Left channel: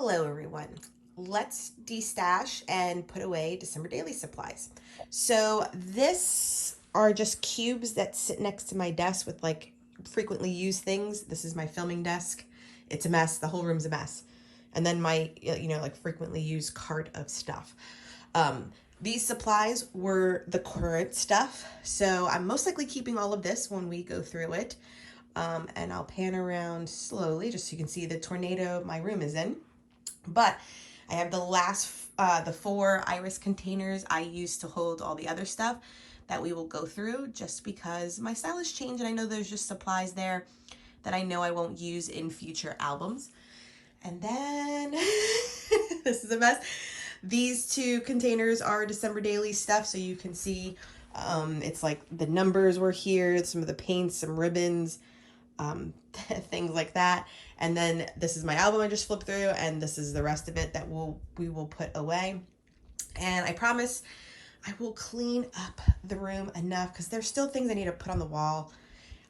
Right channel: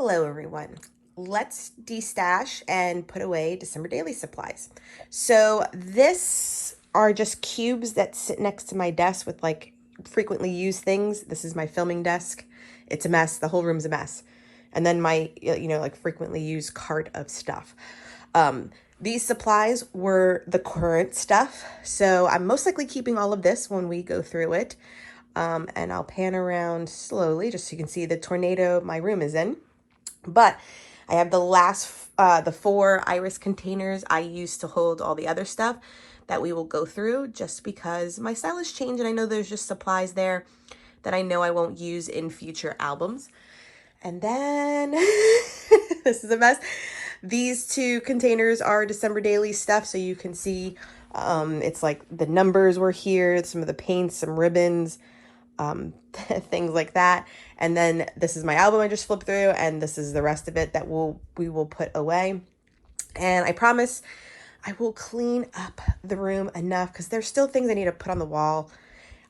Hello everyone. Let's destash and put away December daily supplies. So this are just cubes that sit next to my desk with like frequently used things. This is my filming desk. It's a mess. The whole room's a mess. And then my, like frequently used cart of stuff. These supplies were the current stuff. So I'm most likely keeping all of this when we go through it. And I'll pan around slowly just so you can see the tornado my room is in. But I have the 4 iris containers I used to hold all the other stuff that we will go through just because my style has changed and I know there's just supplies there that I know I won't use in future albums. And then, this is a mess. These 2 containers are December daily stuff, so you can see it's like the numbers were here, some of the paints, some ribbons, things like that. And then this is my album I just flipped through, and this is the rest of it that we will put away. And I promise I will clean up the room enough because there's still things I need to put on the wall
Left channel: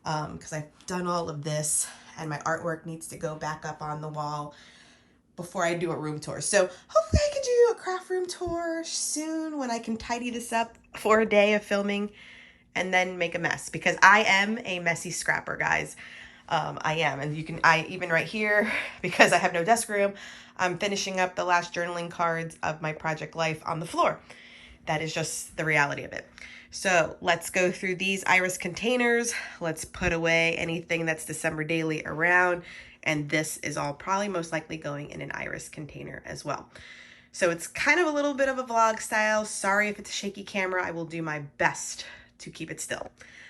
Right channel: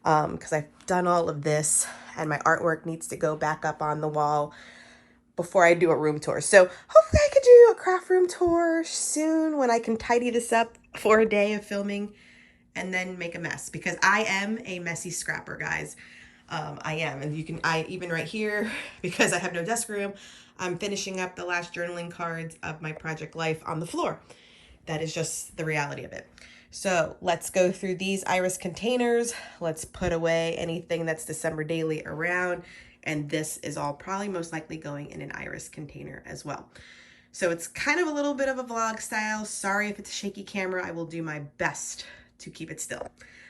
because I've done all of this and my artwork needs to go back up on the wall before I do a room tour. So hopefully I could do a craft room tour soon when I can tidy this up for a day of filming and then make a mess because I am a messy scrapper, guys. I am, and even right here, because I have no desk room, I'm finishing up the last journaling cards of my project life on the floor. That is just the reality of it. So let's go through these iris containers. Let's put away anything that's December daily around. And this is all probably most likely going in an iris container as well. So it's kind of a little bit of a vlog style. Sorry if it's a shaky camera. I will do my best to keep it still.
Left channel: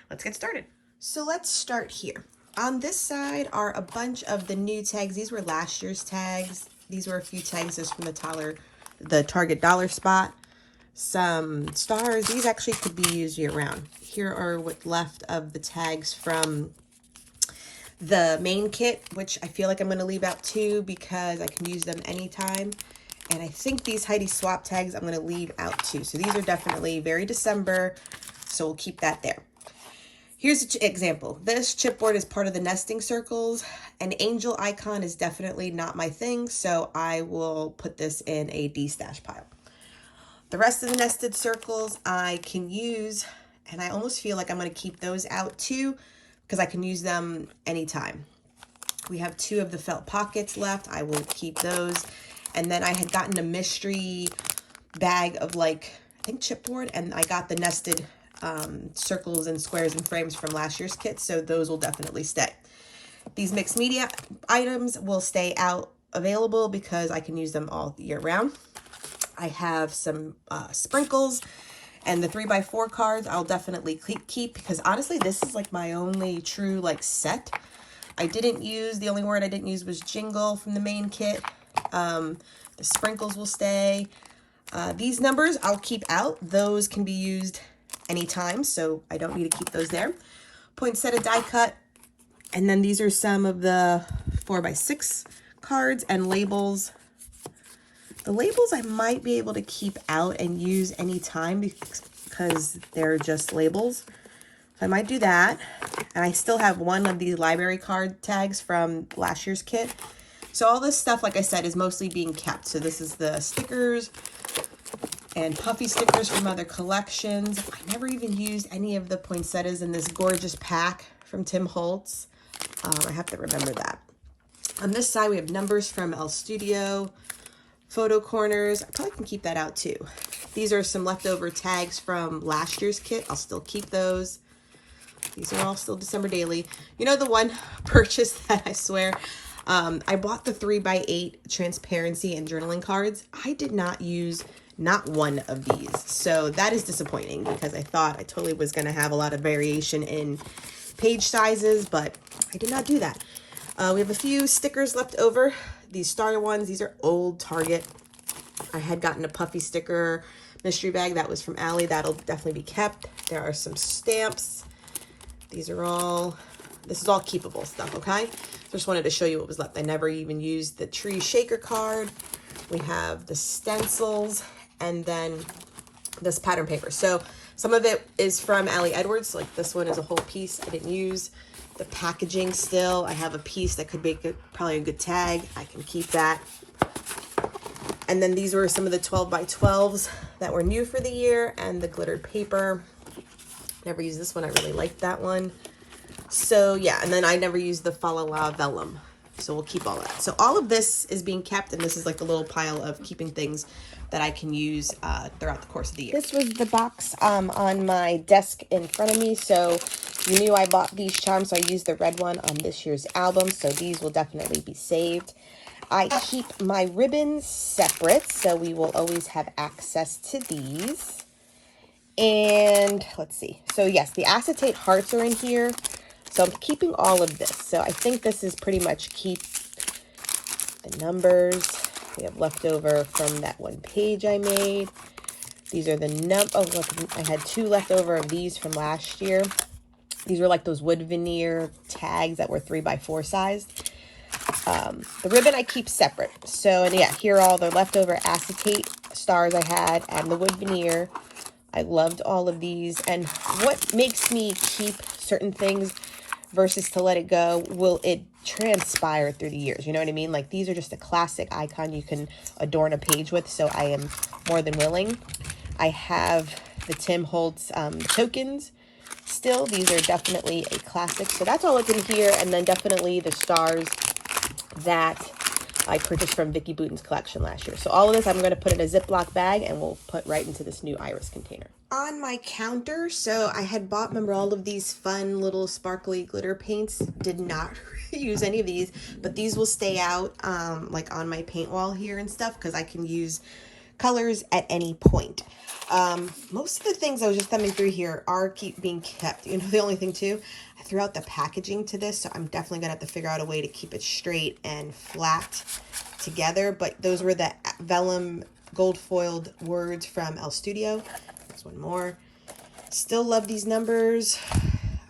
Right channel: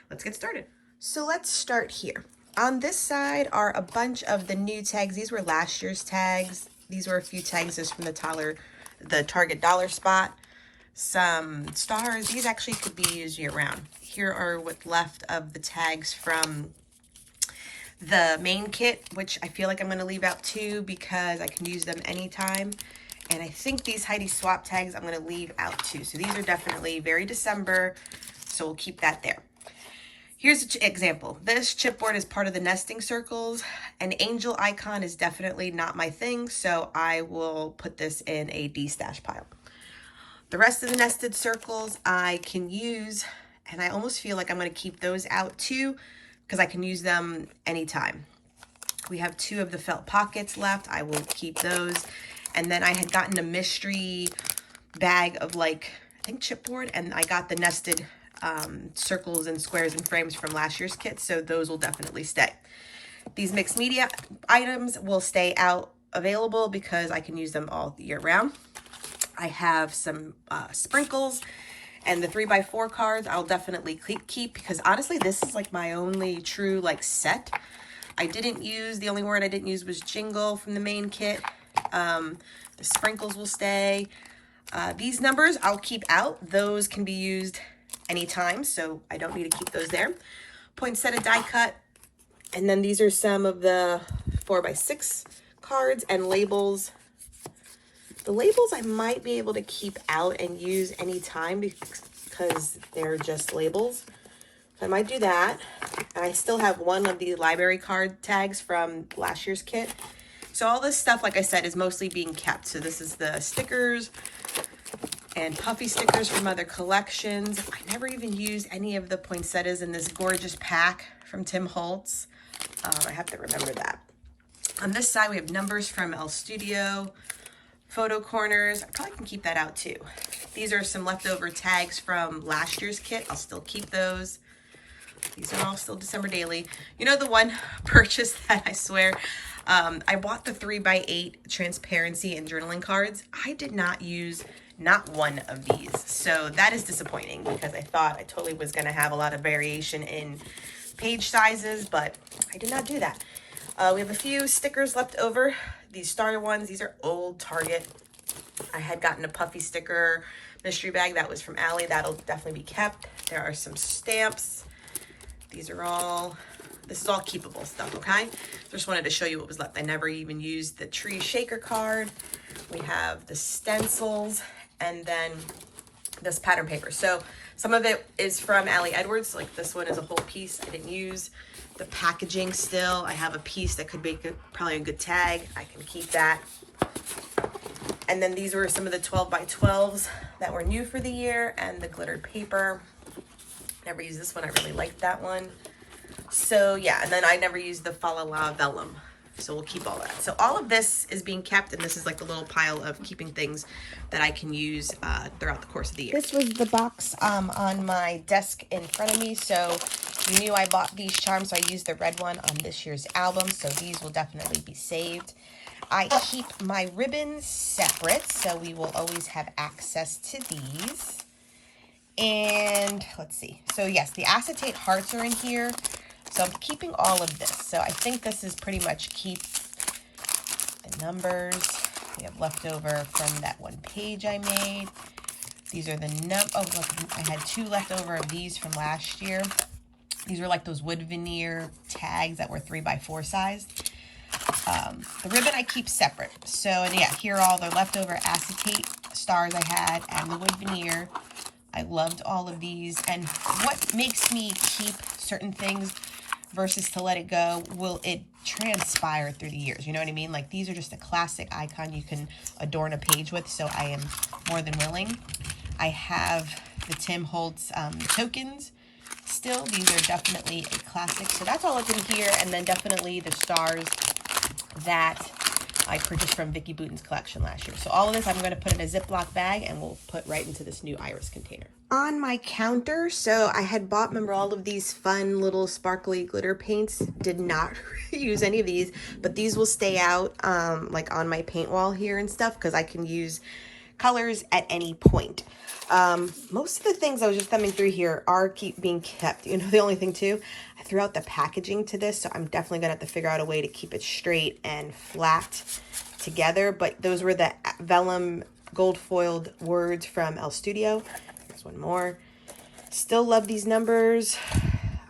Let's get started. So let's start here. On this side are a bunch of the new tags. These were last year's tags. These were a few tags just from the Target dollar spot. Some stars. These actually could be used year round. Here are what's left of the tags from the main kit, which I feel like I'm going to leave out too because I can use them anytime. And I think these Heidi swap tags I'm going to leave out too. So these are definitely very December. So we'll keep that there. Here's an example. This chipboard is part of the nesting circles. An angel icon is definitely not my thing, so I will put this in a destash pile. The rest of the nested circles I can use, and I almost feel like I'm going to keep those out too, because I can use them anytime. We have 2 of the felt pockets left. I will keep those. And then I had gotten a mystery bag of I think chipboard, and I got the nested circles and squares and frames from last year's kit, so those will definitely stay. These mixed media items will stay out available because I can use them all year round. I have some sprinkles and the 3x4 cards I'll definitely keep because honestly this is like my only true set. The only word I didn't use was jingle from the main kit. The sprinkles will stay. These numbers I'll keep out. Those can be used anytime, so I don't need to keep those there. Poinsettia die cut, and then these are some of the 4x6 cards and labels. The labels I might be able to keep out and use anytime because they're just labels. I might do that, and I still have 1 of the library card tags from last year's kit. So all this stuff, like I said, is mostly being kept. So this is the stickers and puffy stickers from other collections. I never even used any of the poinsettias in this gorgeous pack from Tim Holtz. I have to remember that. On this side, we have numbers from El Studio, photo corners. I probably can keep that out too. These are some leftover tags from last year's kit. I'll still keep those. These are all still December daily. You know the one purchase that I swear, I bought the 3x8 transparency and journaling cards. I did not use not one of these. So that is disappointing because I thought I totally was going to have a lot of variation in page sizes, but I did not do that. We have a few stickers left over. These starter ones, these are old Target. I had gotten a puffy sticker mystery bag that was from Allie. That'll definitely be kept. There are some stamps. This is all keepable stuff, okay? Just wanted to show you what was left. I never even used the tree shaker card. We have the stencils and then this pattern paper. So some of it is from Allie Edwards. Like this one is a whole piece I didn't use. The packaging still, I have a piece that could make probably a good tag. I can keep that. And then these were some of the 12 by 12s that were new for the year, and the glittered paper. Never used this one. I really liked that one. So yeah, and then I never used the Fa La La vellum. So we'll keep all that. So all of this is being kept, and this is like the little pile of keeping things that I can use throughout the course of the year. This was the box on my desk in front of me. So you knew I bought these charms, so I used the red one on this year's album. So these will definitely be saved. I keep my ribbons separate, so we will always have access to these. And let's see. So yes, the acetate hearts are in here. So I'm keeping all of this. So I think this is pretty much keep. The numbers we have leftover from that one page I made. These are the oh look, I had 2 leftover of these from last year. These were like those wood veneer tags that were 3x4 sized. The ribbon I keep separate. So, and yeah, here are all the leftover acetate stars I had and the wood veneer. I loved all of these. And what makes me keep certain things versus to let it go, will it transpire through the years? You know what I mean? Like, these are just a classic icon you can adorn a page with, so I am more than willing. I have the Tim Holtz tokens still. These are definitely a classic. So that's all that's in here. And then definitely the stars that I purchased from Vicky Bouton's collection last year. So all of this I'm going to put in a Ziploc bag, and we'll put right into this new iris container. On my counter, so I had bought, remember, all of these fun little sparkly glitter paints. Did not use any of these, but these will stay out like on my paint wall here and stuff, because I can use colors at any point. Most of the things I was just thumbing through here are being kept. You know, the only thing too, I threw out the packaging to this, so I'm definitely gonna have to figure out a way to keep it straight and flat together. But those were the vellum gold foiled words from El Studio. There's one more. Still love these numbers.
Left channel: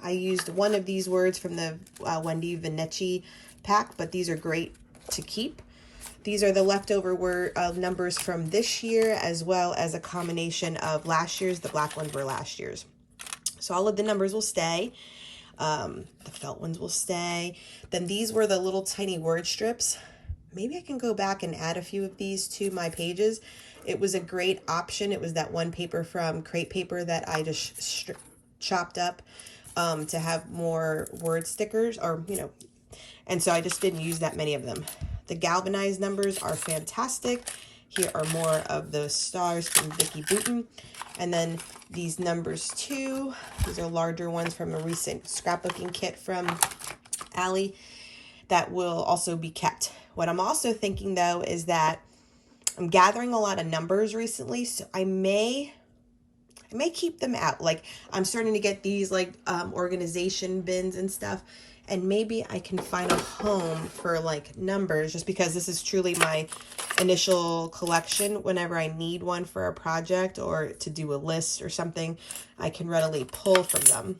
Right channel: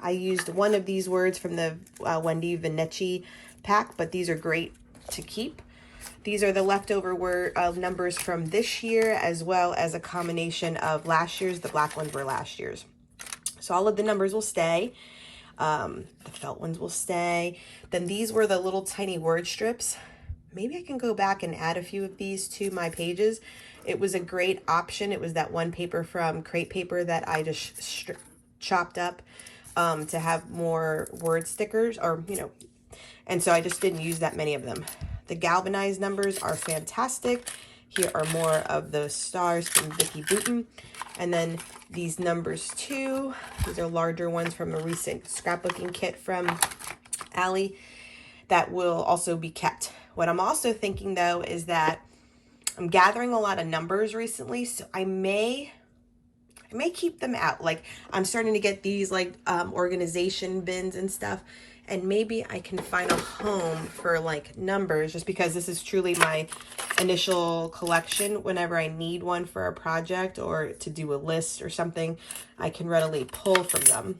I used one of these words from the Wendy Vinetti pack, but these are great to keep. These are the leftover numbers from this year, as well as a combination of last year's. The black ones were last year's. So all of the numbers will stay. The felt ones will stay. Then these were the little tiny word strips. Maybe I can go back and add a few of these to my pages. It was a great option. It was that one paper from Crate Paper that I just chopped up to have more word stickers, or, you know, and so I just didn't use that many of them. The galvanized numbers are fantastic. Here are more of the stars from Vicky Bouton. And then these numbers too. These are larger ones from a recent scrapbooking kit from Allie that will also be kept. What I'm also thinking though is that I'm gathering a lot of numbers recently, so I may keep them out. Like, I'm starting to get these like organization bins and stuff. And maybe I can find a home for like numbers, just because this is truly my initial collection. Whenever I need one for a project or to do a list or something, I can readily pull from them.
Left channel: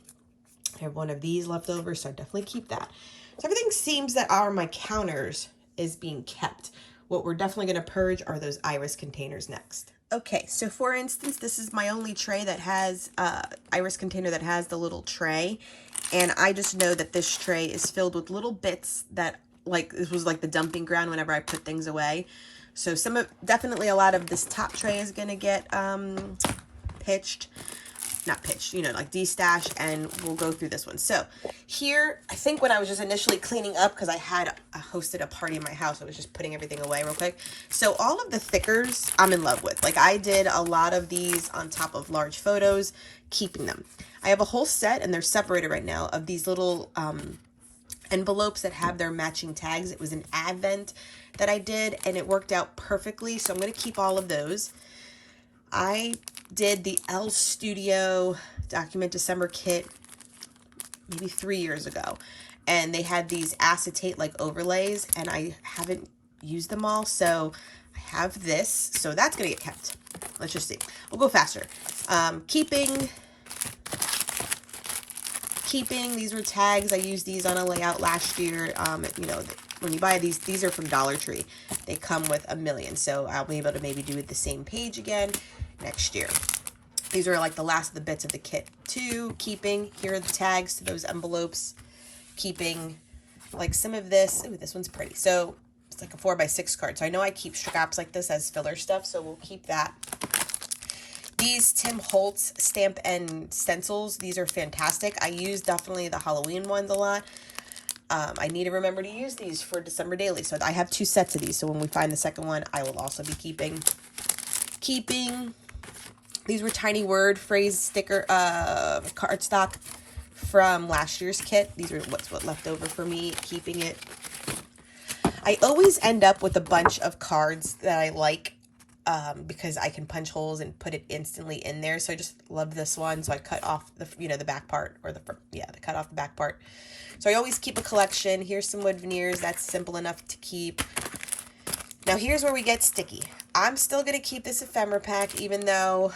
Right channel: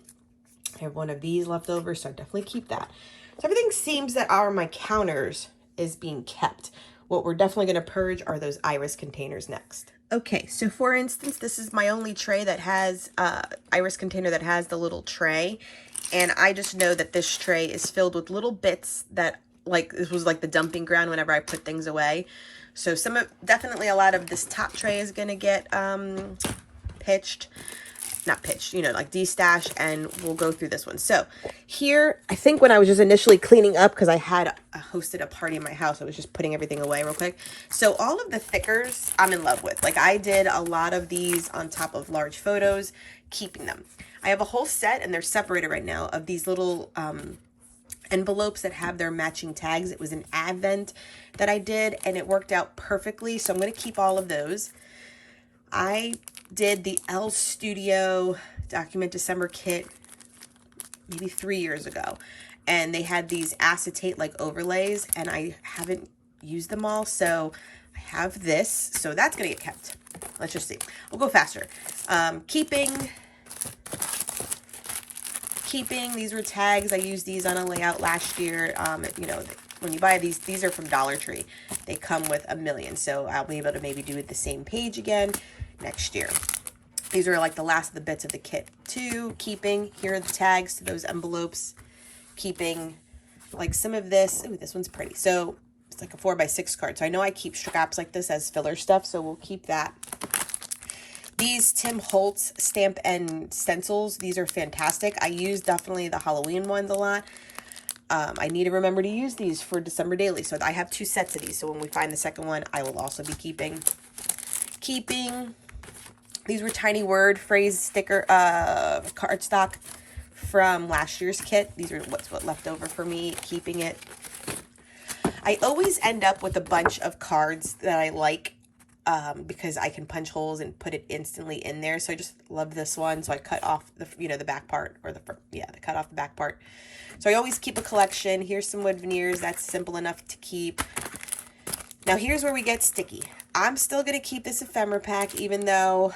I have one of these left over, so I definitely keep that. So everything seems that are my counters is being kept. What we're definitely going to purge are those iris containers next. Okay, so for instance, this is my only tray that has iris container that has the little tray. And I just know that this tray is filled with little bits that, like, it was like the dumping ground whenever I put things away. So definitely a lot of this top tray is going to get not pitched, you know, like destashed, and we'll go through this one. So here, I think when I was just initially cleaning up, because I had hosted a party in my house, I was just putting everything away real quick. So all of the thickers I'm in love with. Like, I did a lot of these on top of large photos, keeping them. I have a whole set, and they're separated right now, of these little envelopes that have their matching tags. It was an advent that I did, and it worked out perfectly. So I'm going to keep all of those. I did the El Studio Document December kit maybe 3 years ago, and they had these acetate like overlays, and I haven't used them all, so I have this, so that's gonna get kept. Let's just see. We'll go faster. Keeping, these were tags. I used these on a layout last year. You know, when you buy these are from Dollar Tree. They come with a million, so I'll be able to maybe do it the same page again next year. These are like the last of the bits of the kit too. Keeping, here are the tags to those envelopes. Keeping like some of this. Ooh, this one's pretty. So It's like a 4x6 card. So I know I keep scraps like this as filler stuff, so we'll keep that. These Tim Holtz stamp and stencils, these are fantastic. I use definitely the Halloween ones a lot. I need to remember to use these for December daily. So I have 2 sets of these. So when we find the second one, I will also be keeping. These were tiny word phrase sticker cardstock from last year's kit. These are what left over for me, keeping it. I always end up with a bunch of cards that I like because I can punch holes and put it instantly in there. So I just love this one. So I cut off the, the back part, or cut off the back part. So I always keep a collection. Here's some wood veneers. That's simple enough to keep. Now here's where we get sticky. I'm still going to keep this ephemera pack, even though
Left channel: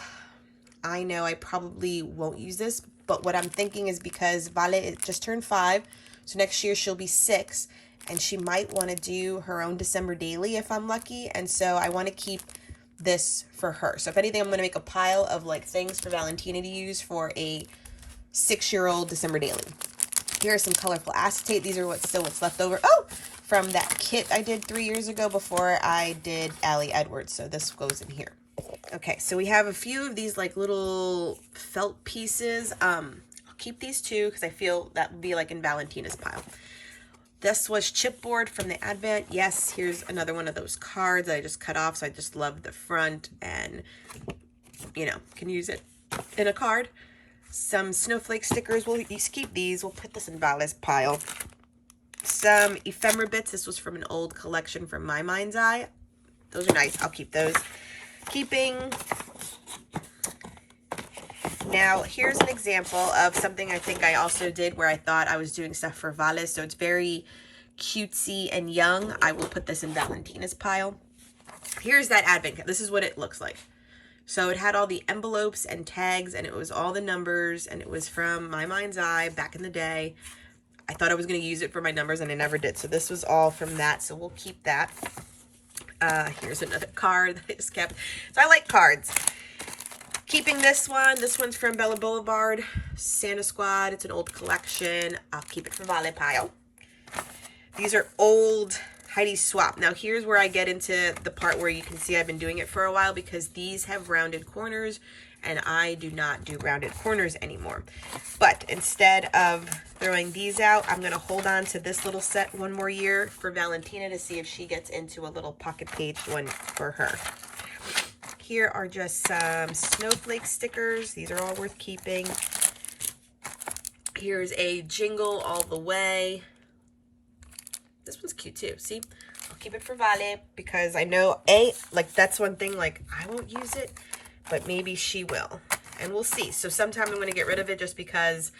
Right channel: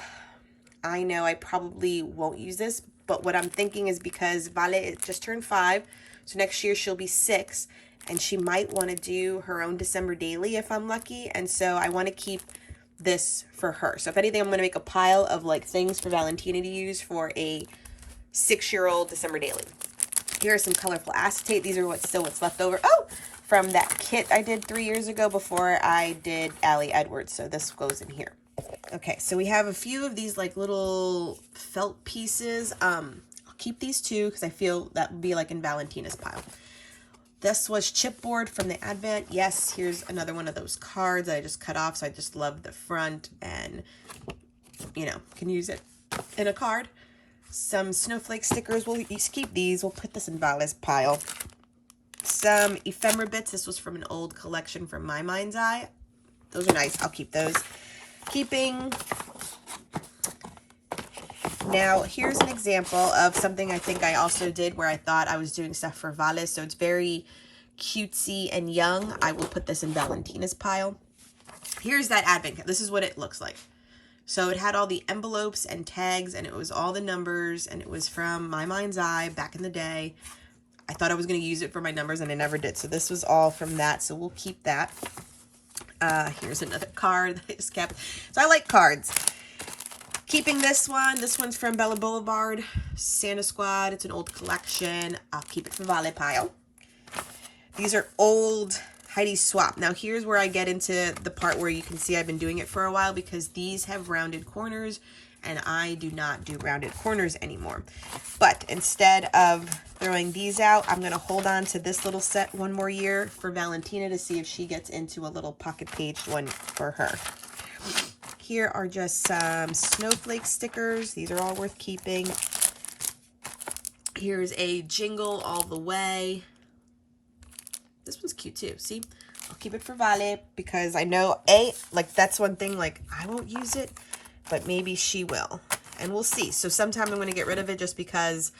I know I probably won't use this. But what I'm thinking is because Vale just turned 5. So next year she'll be 6. And she might want to do her own December daily if I'm lucky. And so I want to keep this for her. So if anything, I'm going to make a pile of like things for Valentina to use for a 6-year-old December daily. Here are some colorful acetate. These are what's left over. Oh, from that kit I did 3 years ago before I did Allie Edwards. So this goes in here. Okay, so we have a few of these like little felt pieces. I'll keep these 2 because I feel that would be like in Valentina's pile. This was chipboard from the Advent. Yes, here's another one of those cards that I just cut off. So I just love the front and, can use it in a card. Some snowflake stickers. We'll keep these. We'll put this in Vale's pile. Some ephemera bits. This was from an old collection from My Mind's Eye. Those are nice. I'll keep those. Keeping. Now, here's an example of something I think I also did where I thought I was doing stuff for Vale. So it's very cutesy and young. I will put this in Valentina's pile. Here's that Advent kit. This is what it looks like. So it had all the envelopes and tags, and it was all the numbers, and it was from My Mind's Eye back in the day. I thought I was going to use it for my numbers, and I never did. So this was all from that. So we'll keep that. Here's another card that I just kept. So I like cards. Keeping this one. This one's from Bella Boulevard, Santa Squad. It's an old collection. I'll keep it for Vale pile. These are old Heidi Swap. Now here's where I get into the part where you can see I've been doing it for a while because these have rounded corners and I do not do rounded corners anymore. But instead of throwing these out, I'm going to hold on to this little set one more year for Valentina to see if she gets into a little pocket page one for her. Here are just some snowflake stickers. These are all worth keeping. Here's a Jingle All the Way. This one's cute too. See, I'll keep it for Vale because I know that's one thing, like I won't use it, but maybe she will, and we'll see. So sometime I'm going to get rid of it just because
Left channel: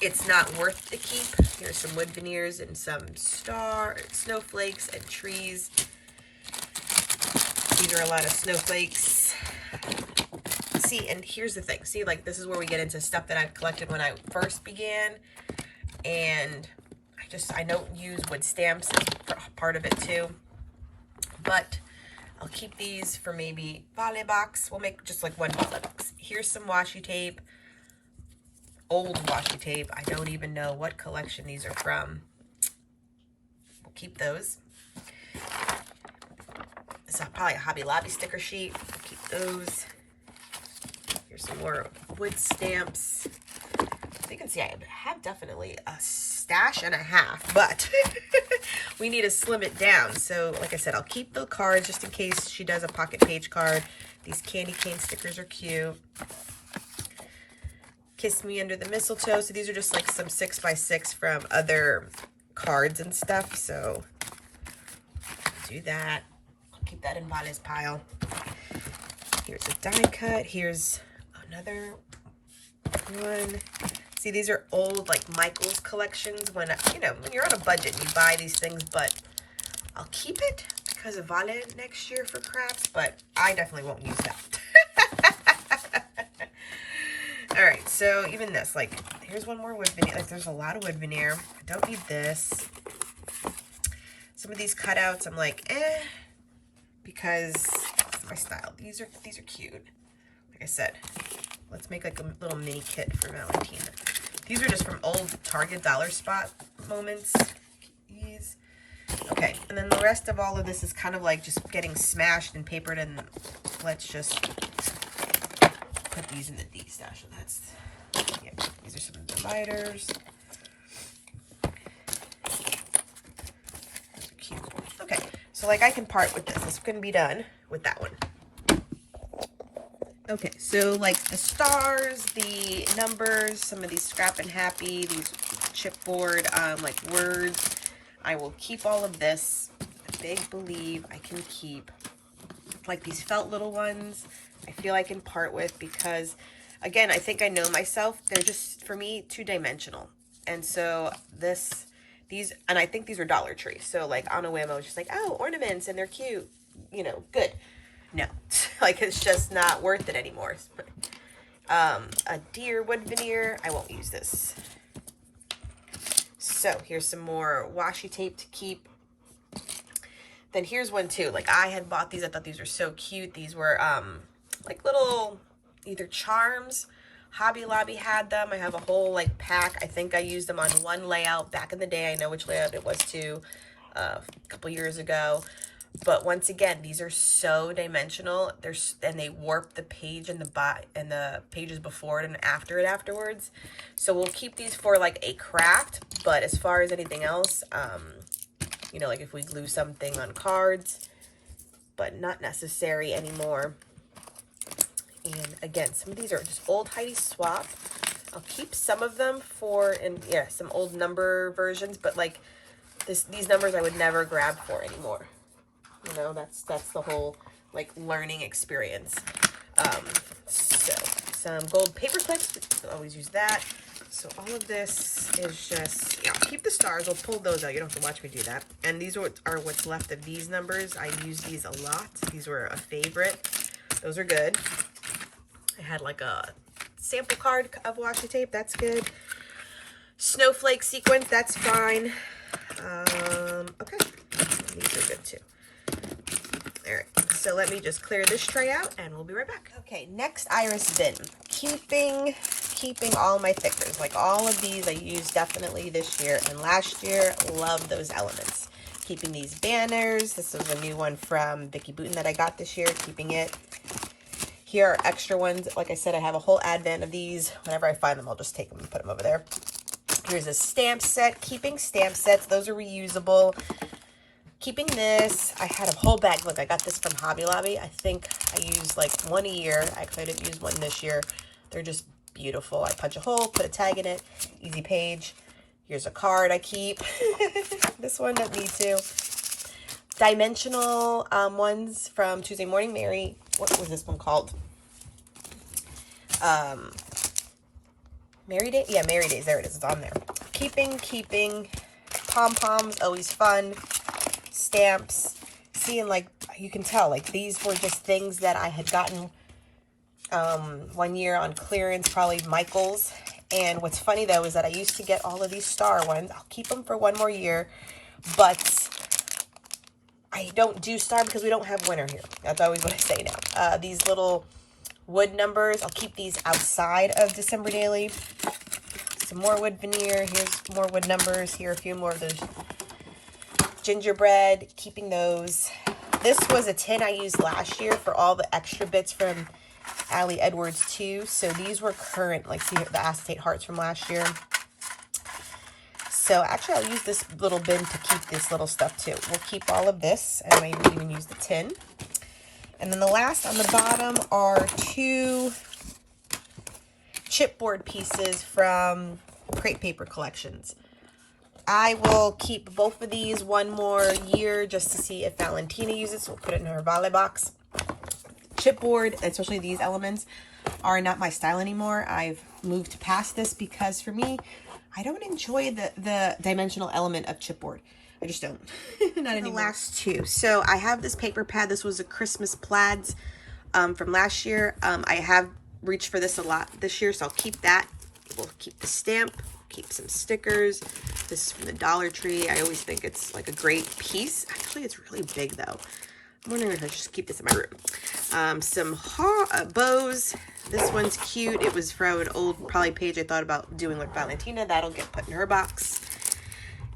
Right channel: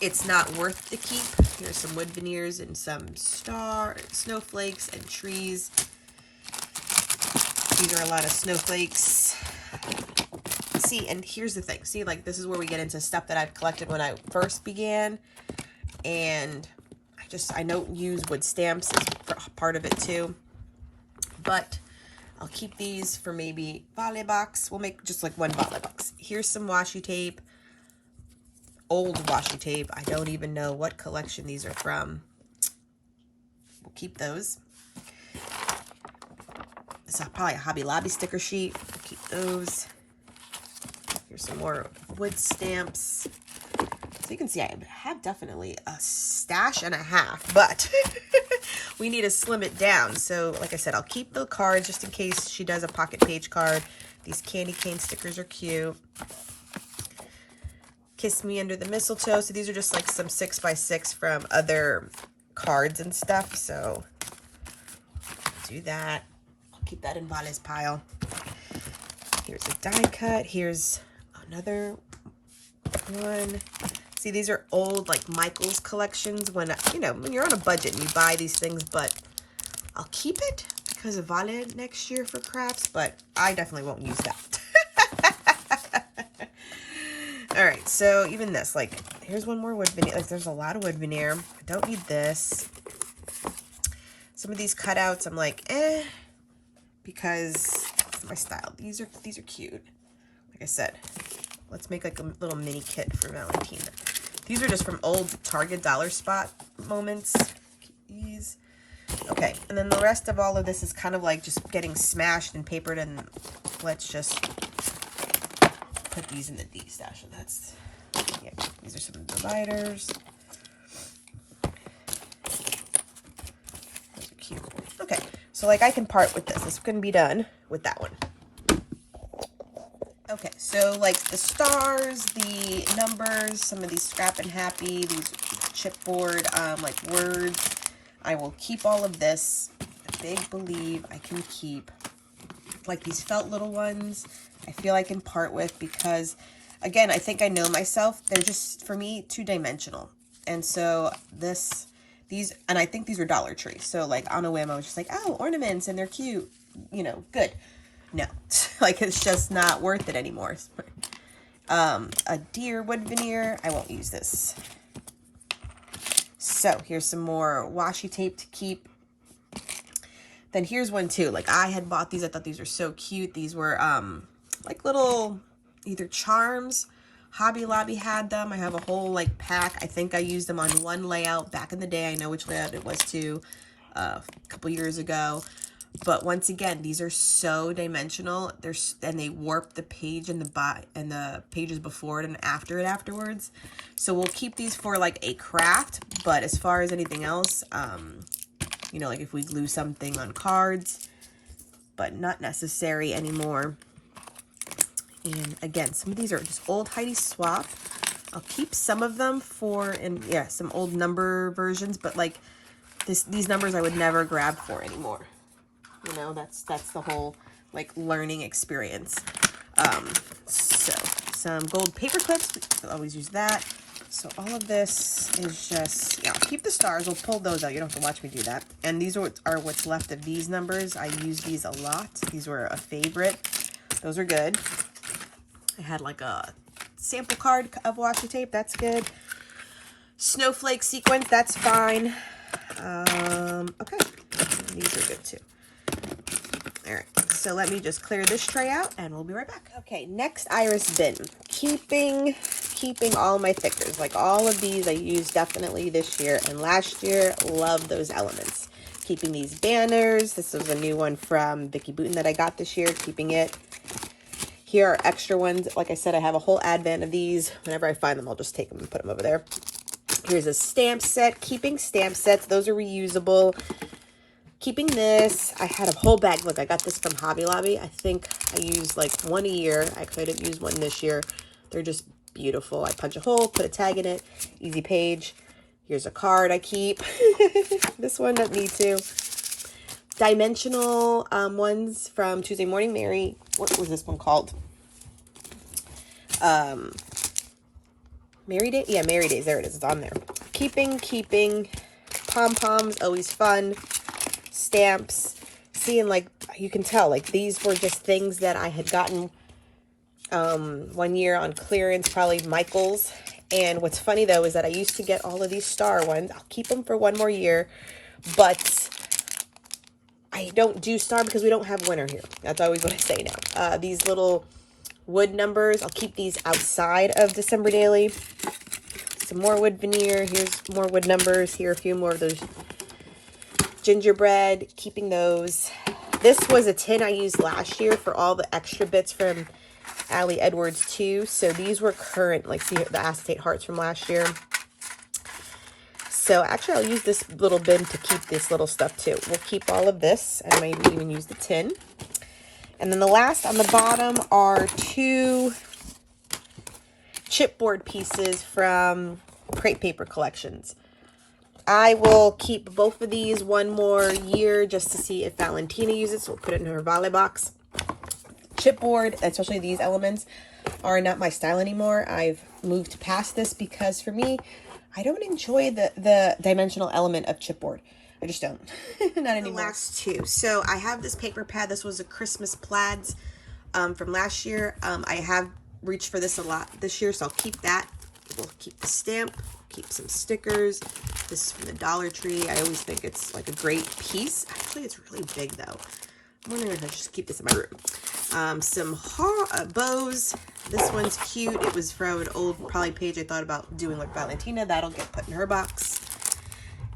it's not worth the keep. Here's some wood veneers and some snowflakes and trees. These are a lot of snowflakes. See, and here's the thing. See, like this is where we get into stuff that I've collected when I first began, and I don't use wood stamps as part of it too, but I'll keep these for maybe Vale box. We'll make just like one Vale box. Here's some washi tape, old washi tape. I don't even know what collection these are from. We'll keep those. This is probably a Hobby Lobby sticker sheet. We'll keep those. Here's some more wood stamps. So you can see I have definitely a stash and a half, but we need to slim it down. So like I said, I'll keep the cards just in case she does a pocket page card. These candy cane stickers are cute. Kiss Me Under the Mistletoe. So these are just like some 6x6 from other cards and stuff. So do that. I'll keep that in Vale's pile. Here's a die cut. Here's another one. See, these are old, like, Michael's collections when, when you're on a budget and you buy these things, but I'll keep it because of Vale next year for crafts, but I definitely won't use that. All right, so even this, like, here's one more wood veneer. Like, there's a lot of wood veneer. I don't need this. Some of these cutouts, I'm like, because it's my style. These are cute. Like I said, let's make like a little mini kit for Valentina. These are just from old Target Dollar Spot moments. These. Okay, and then the rest of all of this is kind of like just getting smashed and papered, and let's just put these in the Destash. And that's, yeah, these are some dividers. Those are cute. Okay, so like I can part with this. This can be done with that one. Okay, so like the stars, the numbers, some of these scrap and happy, these chipboard, like words, I will keep all of this. Big believe I can keep. Like these felt little ones, I feel I can part with because, again, I think I know myself. They're just, for me, two-dimensional. And so these, and I think these were Dollar Tree. So like on a whim, I was just like, oh, ornaments and they're cute, you know, good. No, like it's just not worth it anymore. A deer wood veneer, I won't use this. So here's some more washi tape to keep. Then here's one too. Like I had bought these. I thought these were so cute. These were like little either charms. Hobby Lobby had them. I have a whole like pack. I think I used them on one layout back in the day. I know which layout it was too, a couple years ago. But once again, these are so dimensional. And they warp the page and the pages before it and after it afterwards. So we'll keep these for like a craft. But as far as anything else, you know, like if we glue something on cards, but not necessary anymore. And again, some of these are just old Heidi Swapp. I'll keep some of them for, and yeah, some old number versions, but like these numbers I would never grab for anymore. You know, that's the whole like learning experience. So some gold paper clips, I'll always use that. So all of this is just, yeah, I'll keep the stars. We'll pull those out. You don't have to watch me do that. And these are what's left of these numbers. I use these a lot. These were a favorite. Those are good. I had like a sample card of washi tape. That's good. Snowflake sequence. That's fine. Okay. These are good too. All right, so let me just clear this tray out and we'll be right back. Okay, next iris bin. Keeping all my thickers. Like all of these I used definitely this year and last year. Love those elements. Keeping these banners. This is a new one from Vicky Booten that I got this year. Keeping it. Here are extra ones. Like I said, I have a whole advent of these. Whenever I find them, I'll just take them and put them over there. Here's a stamp set. Keeping stamp sets. Those are reusable. Keeping this, I had a whole bag. Look, I got this from Hobby Lobby. I think I used like one a year. I could have used one this year. They're just beautiful. I punch a hole, put a tag in it, easy page. Here's a card I keep. This one, me too. Dimensional ones from Tuesday Morning Mary. What was this one called? Mary Day? Yeah, Mary Days. There it is. It's on there. Keeping. Pom-poms, always fun. Stamps. See, and like you can tell, like these were just things that I had gotten one year on clearance, probably Michael's. And what's funny though is that I used to get all of these star ones. I'll keep them for one more year, but I don't do star because we don't have winter here. That's always what I say now. These little wood numbers, I'll keep these outside of December Daily. Some more wood veneer. Here's more wood numbers. Here are a few more of those gingerbread, keeping those. This was a tin I used last year for all the extra bits from Allie Edwards too. So these were current, like see the acetate hearts from last year. So actually I'll use this little bin to keep this little stuff too. We'll keep all of this and maybe even use the tin. And then the last on the bottom are two chipboard pieces from Crate Paper Collections. I will keep both of these one more year just to see if Valentina uses it. So we'll put it in her Vale box. Chipboard, especially these elements, are not my style anymore. I've moved past this because for me, I don't enjoy the dimensional element of chipboard. I just don't. Not anymore. The last two. So I have this paper pad. This was a Christmas plaids from last year. I have reached for this a lot this year, so I'll keep that. We'll keep the stamp. Keep some stickers. This is from the Dollar Tree. I always think it's like a great piece. Actually, it's really big though. I'm wondering if I should just keep this in my room. Some bows. This one's cute. It was from an old probably page I thought about doing with Valentina. That'll get put in her box.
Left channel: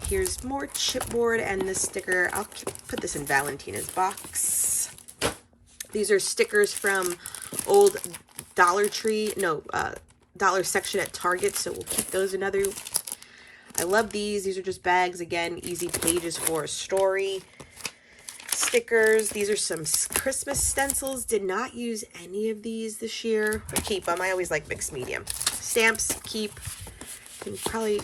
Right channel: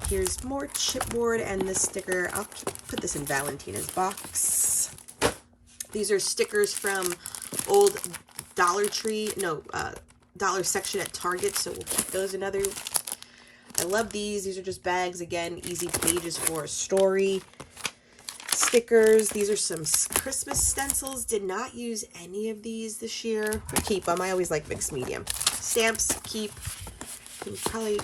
Here's more chipboard and this sticker. I'll put this in Valentina's box. These are stickers from old Dollar Tree, no, dollar section at Target, so we'll keep those another. I love these. These are just bags, again, easy pages for a story. Stickers. These are some Christmas stencils. Did not use any of these this year. But keep them. I always like mixed medium. Stamps, keep. Can probably,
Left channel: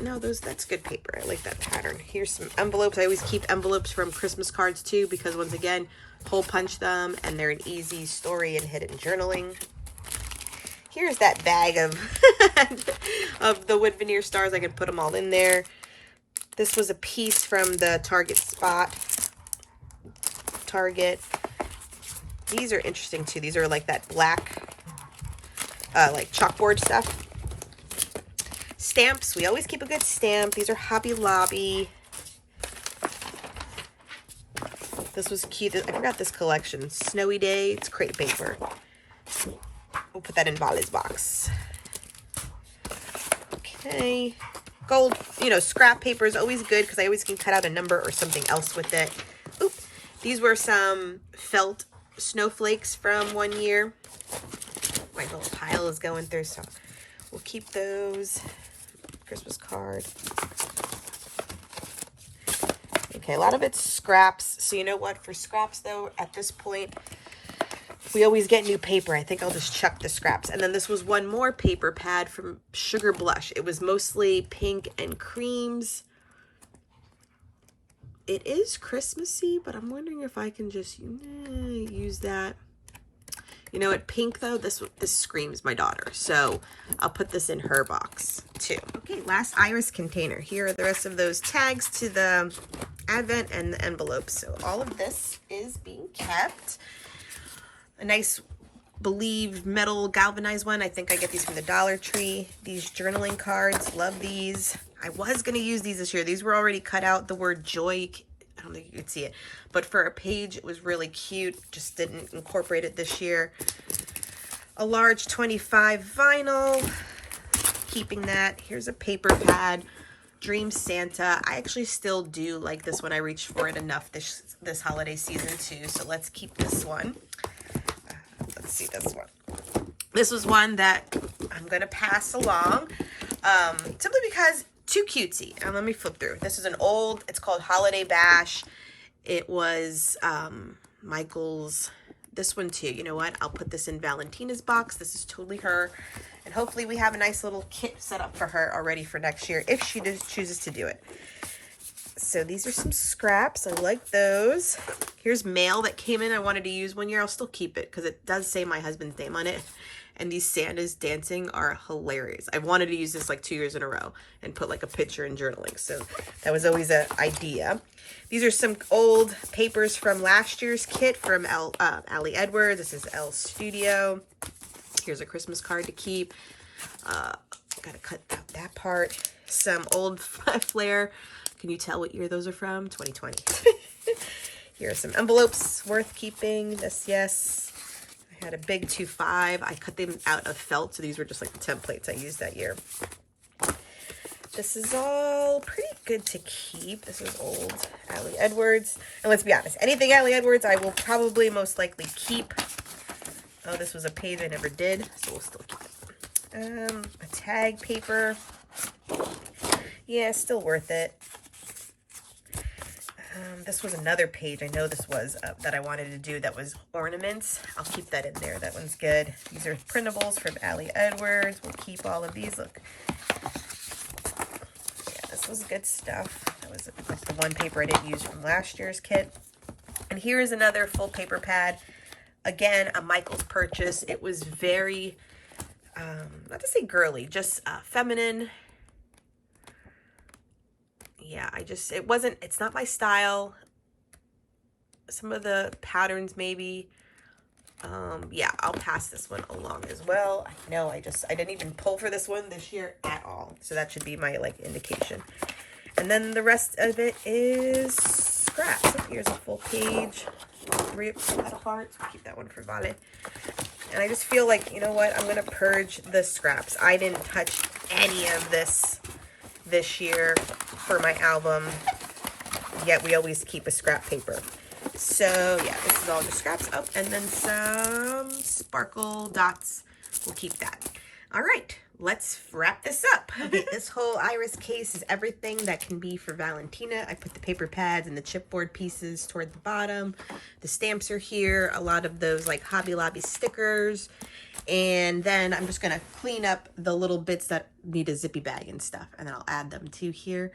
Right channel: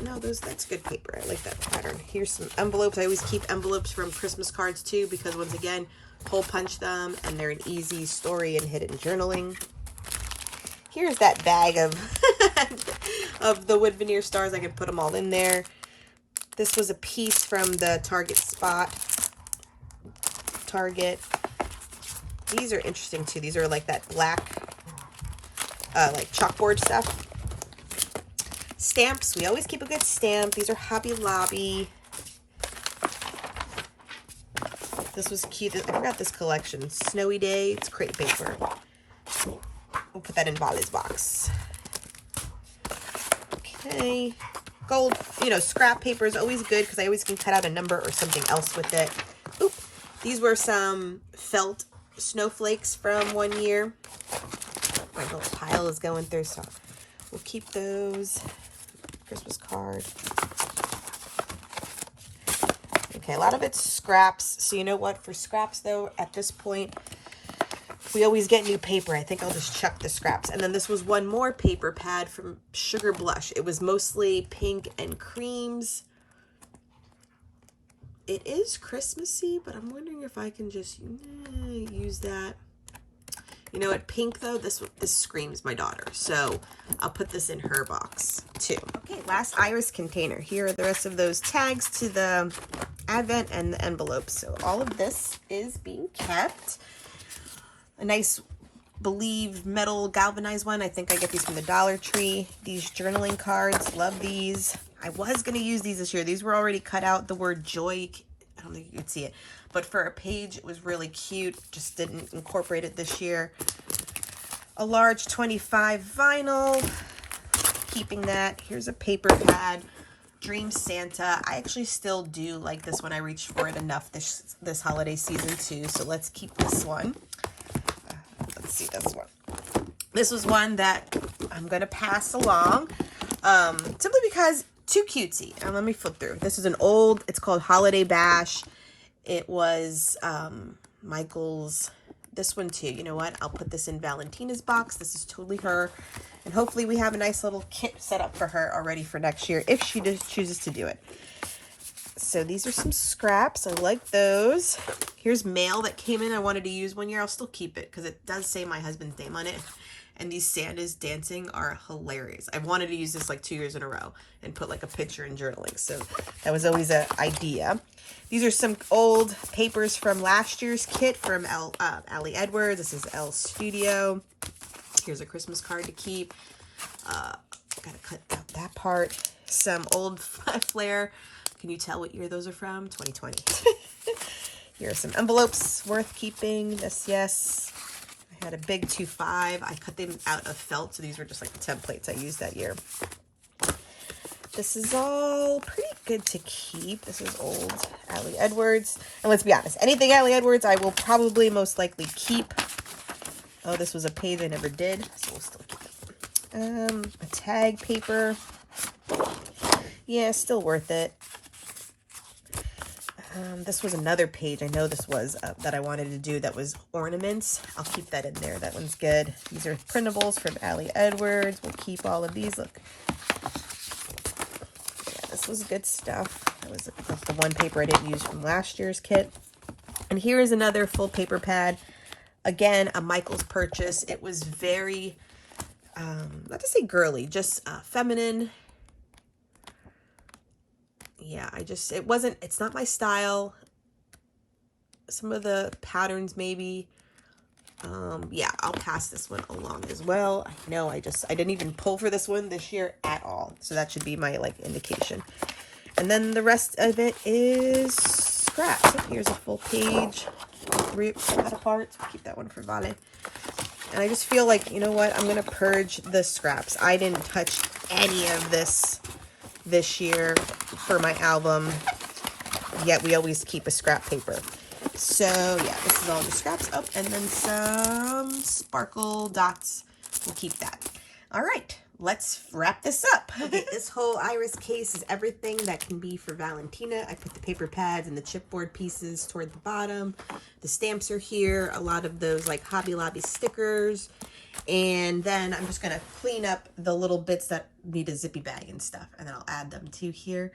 no, that's good paper. I like that pattern. Here's some envelopes. I always keep envelopes from Christmas cards too, because once again, hole punch them and they're an easy story and hidden journaling. Here's that bag of of the wood veneer stars. I can put them all in there. This was a piece from the Target spot. Target. These are interesting too. These are like that black, like chalkboard stuff. Stamps. We always keep a good stamp. These are Hobby Lobby. This was cute. I forgot this collection. Snowy Day. It's crepe paper. We'll put that in Vale's box. Okay. Gold, you know, scrap paper is always good because I always can cut out a number or something else with it. Oop. These were some felt snowflakes from one year. My whole pile is going through, so we'll keep those. Christmas card. Okay, a lot of it's scraps. So you know what? For scraps, though, at this point, we always get new paper. I think I'll just chuck the scraps. And then this was one more paper pad from Sugar Blush. It was mostly pink and creams. It is Christmassy, but I'm wondering if I can just use that. You know what? Pink, though, this screams my daughter. So I'll put this in her box, too. Okay, last iris container. Here are the rest of those tags to the Advent and the envelopes. So all of this is being kept. A nice Believe metal galvanized one. I think I get these from the Dollar Tree. These journaling cards, love these. I was going to use these this year. These were already cut out. The word joy, I don't think you could see it, but for a page, it was really cute. Just didn't incorporate it this year. A large 25 vinyl, keeping that. Here's a paper pad, Dream Santa. I actually still do like this one. I reached for it enough this holiday season too, so let's keep this one. Let's see this one. This was one that I'm going to pass along simply because too cutesy. Let me flip through. This is an old, it's called Holiday Bash. It was Michael's, this one too. You know what? I'll put this in Valentina's box. This is totally her. And hopefully we have a nice little kit set up for her already for next year if she chooses to do it. So these are some scraps. I like those. Here's mail that came in. I wanted to use one year. I'll still keep it because it does say my husband's name on it. And these Santas dancing are hilarious. I wanted to use this like 2 years in a row and put like a picture in journaling. So that was always an idea. These are some old papers from last year's kit from Ali Edwards. This is Elle Studio. Here's a Christmas card to keep. Gotta cut out that part. Some old Flair. Can you tell what year those are from? 2020. Here are some envelopes worth keeping. This, yes. I had a big 2.5. I cut them out of felt, so these were just like the templates I used that year. This is all pretty good to keep. This is old Ali Edwards. And let's be honest, anything Ali Edwards I will probably most likely keep. Oh, this was a page I never did, so we'll still keep it. A tag paper. Yeah, still worth it. This was another page. I know this was that I wanted to do that was ornaments. I'll keep that in there. That one's good. These are printables from Ali Edwards. We'll keep all of these. Look. Yeah, this was good stuff. That was like the one paper I didn't use from last year's kit. And here is another full paper pad. Again, a Michael's purchase. It was very, not to say girly, just feminine. Yeah, it's not my style. Some of the patterns maybe. Yeah, I'll pass this one along as well. I know I didn't even pull for this one this year at all. So that should be my like indication. And then the rest of it is scraps. So here's a full page. 3 out of hearts. Keep that one for Vale. And I just feel like, you know what? I'm going to purge the scraps. I didn't touch any of this this year for my album, yet we always keep a scrap paper. So yeah, this is all the scraps up, and then some sparkle dots. We'll keep that. All right, let's wrap this up. Okay, this whole iris case is everything that can be for Valentina. I put the paper pads and the chipboard pieces toward the bottom. The stamps are here, a lot of those like Hobby Lobby stickers. And then I'm just gonna clean up the little bits that need a zippy bag and stuff, and then I'll add them to here.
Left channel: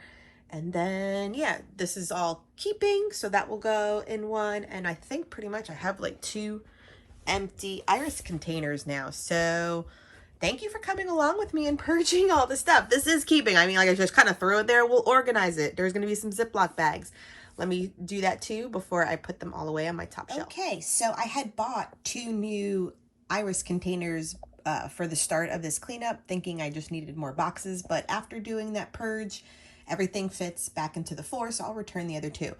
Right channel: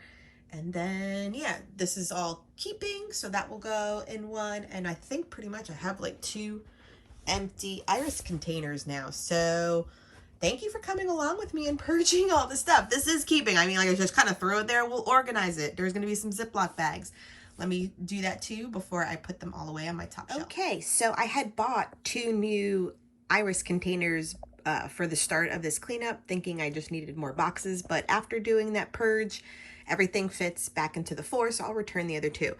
And then, yeah, this is all keeping, so that will go in one. And I think pretty much I have like 2 empty iris containers now. So thank you for coming along with me and purging all the stuff. This is keeping. I mean, like, I just kind of throw it there. We'll organize it. There's going to be some Ziploc bags. Let me do that too before I put them all away on my top shelf. Okay, so I had bought 2 new iris containers for the start of this cleanup, thinking I just needed more boxes. But after doing that purge, everything fits back into the 4, so I'll return the other 2.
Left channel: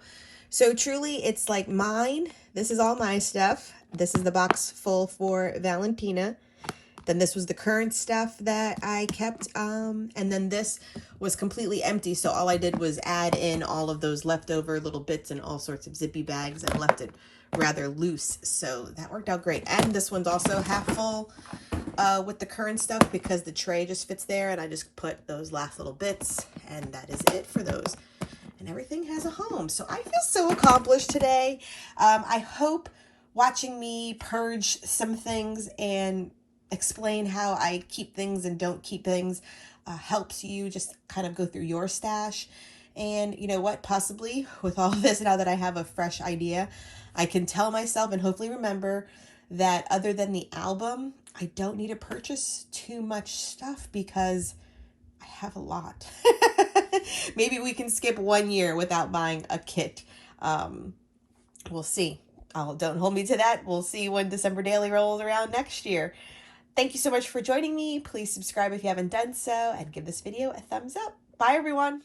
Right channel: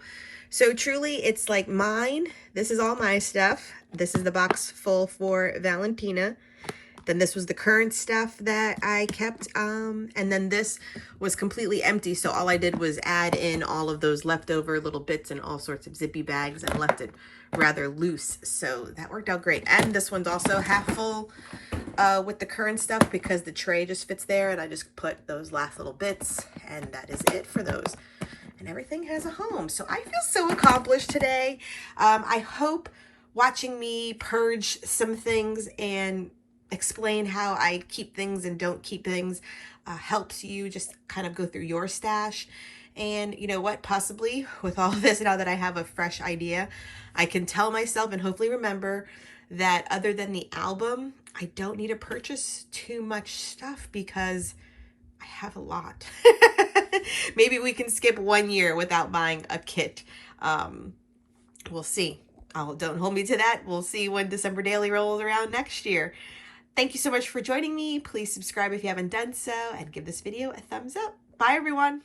So truly, it's like mine. This is all my stuff. This is the box full for Valentina. Then this was the current stuff that I kept. And then this was completely empty. So all I did was add in all of those leftover little bits and all sorts of zippy bags and left it rather loose. So that worked out great. And this one's also half full with the current stuff because the tray just fits there. And I just put those last little bits, and that is it for those. And everything has a home. So I feel so accomplished today. I hope watching me purge some things and explain how I keep things and don't keep things helps you just kind of go through your stash. And you know what, possibly with all of this, now that I have a fresh idea, I can tell myself and hopefully remember that other than the album, I don't need to purchase too much stuff because I have a lot. Maybe we can skip 1 year without buying a kit. We'll see. Don't hold me to that. We'll see when December Daily rolls around next year. Thank you so much for joining me. Please subscribe if you haven't done so, and give this video a thumbs up. Bye, everyone.